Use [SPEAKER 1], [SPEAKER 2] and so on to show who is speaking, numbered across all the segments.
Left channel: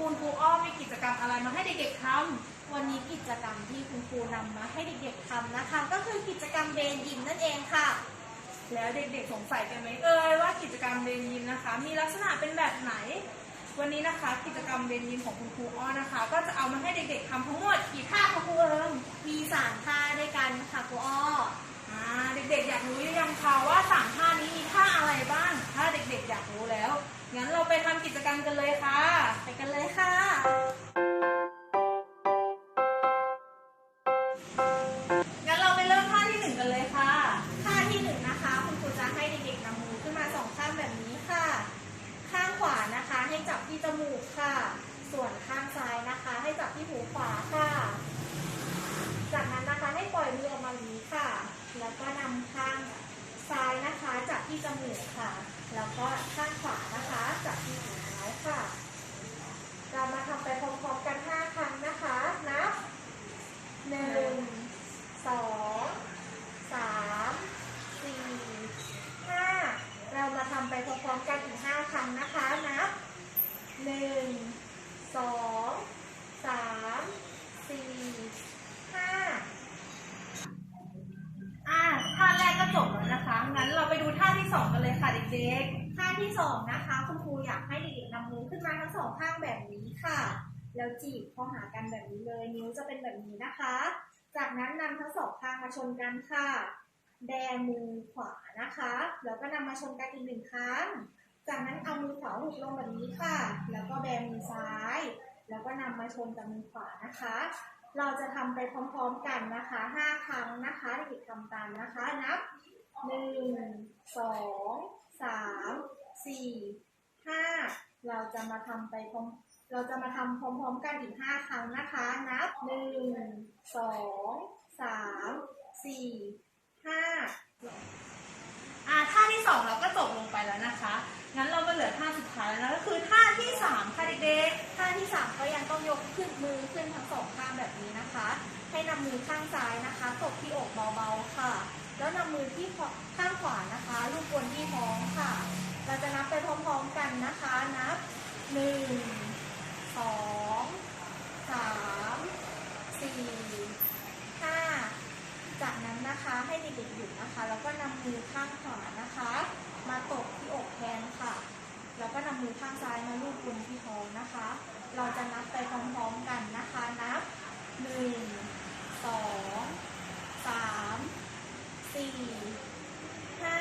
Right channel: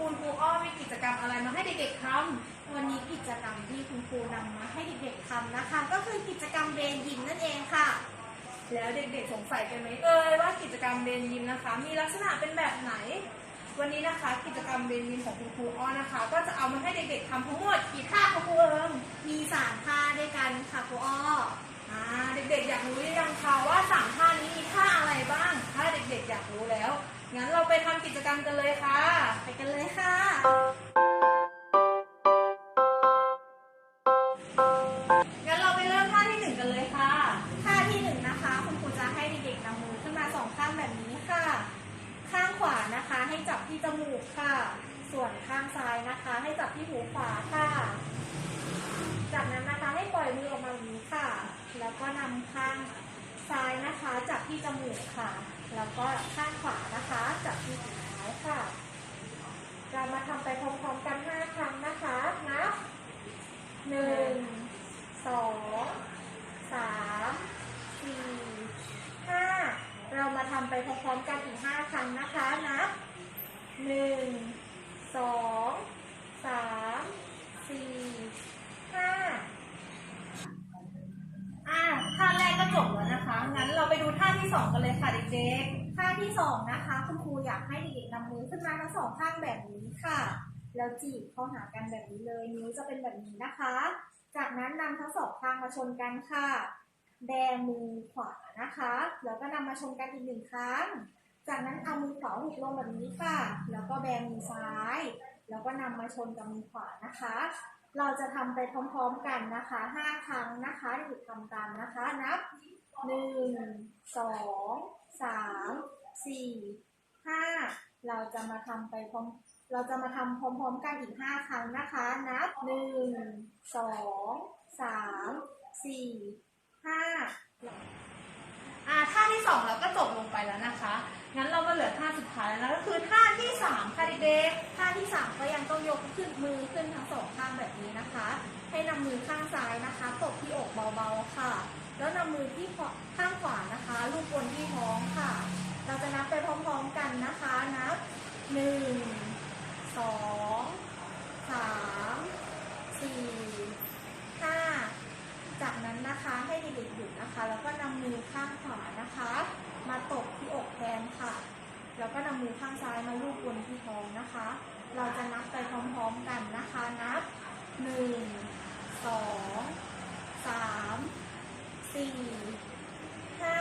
[SPEAKER 1] คุณครูอ้อมีกิจกรรมอะไรมาให้เด็กๆทำ
[SPEAKER 2] วันนี้กิจกรรมที่คุณครูนำมาให้เด็กๆทำนะคะ ก็คือกิจกรรมเบนยิมนั่นเองค่ะ
[SPEAKER 1] แล้วเด็กๆสงสัยกันไหมเอ่ยว่ากิจกรรมเบนยิมนะคะ มีลักษณะเป็นแบบไหน วันนี้นะคะ กิจกรรมเบนยิมของคุณครูอ้อนะคะ ก็จะเอามาให้เด็กๆทำทั้งหมดกี่ท่าคะครูเอิง
[SPEAKER 2] มีสามท่าด้วยกันค่ะครูอ้อ
[SPEAKER 1] อ่าเด็กๆอยากรู้หรือยังคะว่าสามท่านี้มีท่าอะไรบ้าง ถ้าเด็กๆอยากรู้แล้ว งั้นเราไปทำกิจกรรมกันเลยค่ะ
[SPEAKER 2] ไปกันเลยค่ะ
[SPEAKER 1] งั้นเราไปเริ่มท่าที่หนึ่งกันเลยค่ะ
[SPEAKER 2] ท่าที่หนึ่งนะคะ คุณครูจะให้เด็กๆนำมือขึ้นมาสองข้างแบบนี้ค่ะ ข้างขวานะคะ ให้จับที่จมูกค่ะ ที่จมูกค่ะ แล้วก็ข้างขวานะคะจับที่ถุงเท้ายค่ะ เรามาทำไปพร้อมๆกันห้าครั้งนะคะ นับหนึ่งสองสามสี่ห้าเรามาทำไปพร้อมๆกันถึงาครั้งนะคะ นับหนึ่ง สอง
[SPEAKER 1] กันเลยค่ะเด็กๆ
[SPEAKER 2] ท่าที่สองนะคะ คุณครูอยากให้เด็กๆนำมือขึ้นมาทั้งสองข้างแบบนี้ค่ะ แล้วจีบเข้าหากันแบบนี้เลย นิ้วจะเป็นแบบนี้นะคะ จากนั้นนำทั้งสองข้างมาชนกันค่ะ แบมือขวานะคะ แล้วก็นำมาชนกันอีกหนึ่งครั้ง จากนั้นเอามือขวาหุบลงแบบนี้ค่ะ แล้วก็แบมือซ้าย แล้วก็นำมาชนกับมือขวานะคะ เราจะทำไปพร้อมๆกันนะคะห้าครั้งนะ คะเด็กทำตามนะคะ นับหนึ่งสองสามสี่ห้าเราจะมาทำไปพร้อมเราจะมาทำพร้อม ๆ กันอีกห้าครั้งนะคะ นับหนึ่งสองสามสี่ห้า
[SPEAKER 1] อ่าท่าที่สองเราก็จบลงไปแล้วนะคะ งั้นเรามาเหลือท่าสุดท้ายแล้วนะก็คือท่าที่สามค่ะเด็กๆ
[SPEAKER 2] ท่าที่สามก็ยังต้องยกขึ้นมือขึ้นทั้งสองข้างแบบนี้นะคะ ให้นำมือข้างซ้ายนะคะตบที่อกเบาๆค่ะ แล้วนำมือที่ข้างขวานะคะลูบบนที่ท้องค่ะ เราจะนับไปพร้อมๆกันนะคะนับหนึ่งสองสามสี่ห้าจากนั้นนะคะให้เด็กๆหยุดนะคะ แล้วก็นำมือข้างขวานะคะ มาตบที่อกแทนค่ะ แล้วก็นำ มือข้างซ้ายมาลูบบนที่ท้องนะคะ เราจะนับไปพร้อมๆกันนะคะ นับหนึ่งสองสามสี่ห้า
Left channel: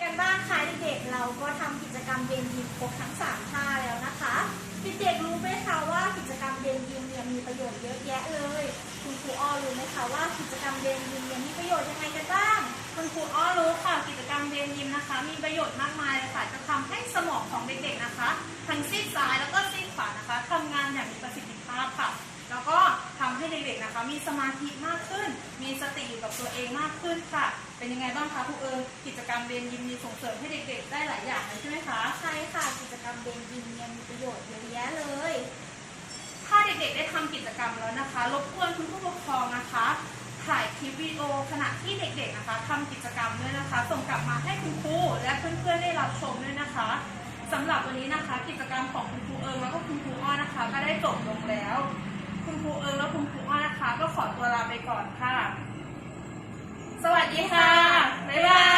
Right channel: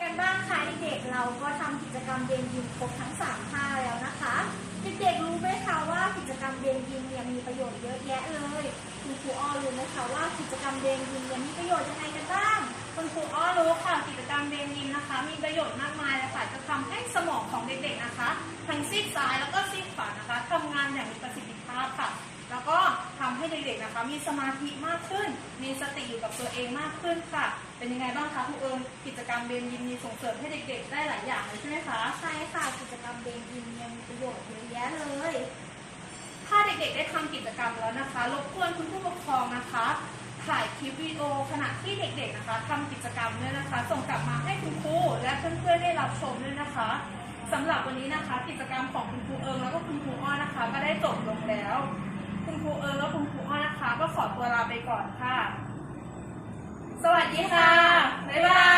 [SPEAKER 2] กันบ้างค่ะเด็กๆเราก็ทำกิจกรรมเบนยิมครบทั้งสามท่าแล้วนะคะเด็กๆรู้ไหมคะว่ากิจกรรมเบนยิมเนี่ยมีประโยชน์เยอะแยะเลย คุณครูอ้อรู้ไหมคะว่ากิจกรรมเบนยิมเนี่ยมีประโยชน์ยังไงกันบ้าง
[SPEAKER 1] คุณครูอ้อรู้ค่ะกิจกรรมเดนยิมนะคะ มีประโยชน์มากมายเลยค่ะ จะทำให้สมองของเด็กๆนะคะทั้งซีกซ้ายแล้วก็ซีกขวานะคะทำงานอย่างมีประสิทธิภาพค่ะ แล้วก็ทำให้เด็กๆนะคะ มีสมาธิมากขึ้น มีสติอยู่กับตัวเองมากขึ้นค่ะ เป็นยังไงบ้างคะครูเอิญกิจกรรมเบนยิมมีส่งเสริมให้เด็กๆ ได้หลายอย่างเลยใช่ไหมคะ
[SPEAKER 2] ใช่ค่ะกิจกรรมเบนยิมเนี่ยมีประโยชน์เยอะแยะเลย
[SPEAKER 1] ถ้าเด็กๆได้ทำกิจกรรมแล้วนะคะรบกวนคุณผู้ปกครองนะคะ ถ่ายคลิปวิดีโอขณะที่เด็กๆนะคะทำกิจกรรมด้วยนะคะ ส่งกลับมาให้คุณครูและเพื่อนๆได้รับชมด้วยนะคะสำหรับวันนี้นะคะ กิจกรรมของคุณครูเอิงแล้วก็คุณครูอ้อนะคะ ก็ได้จบลงแล้ว คุณครูเอิงและคุณครูอ้อนะคะ ก็ขอตัวลาไปก่อนค่ะ สวัสดีค่ะ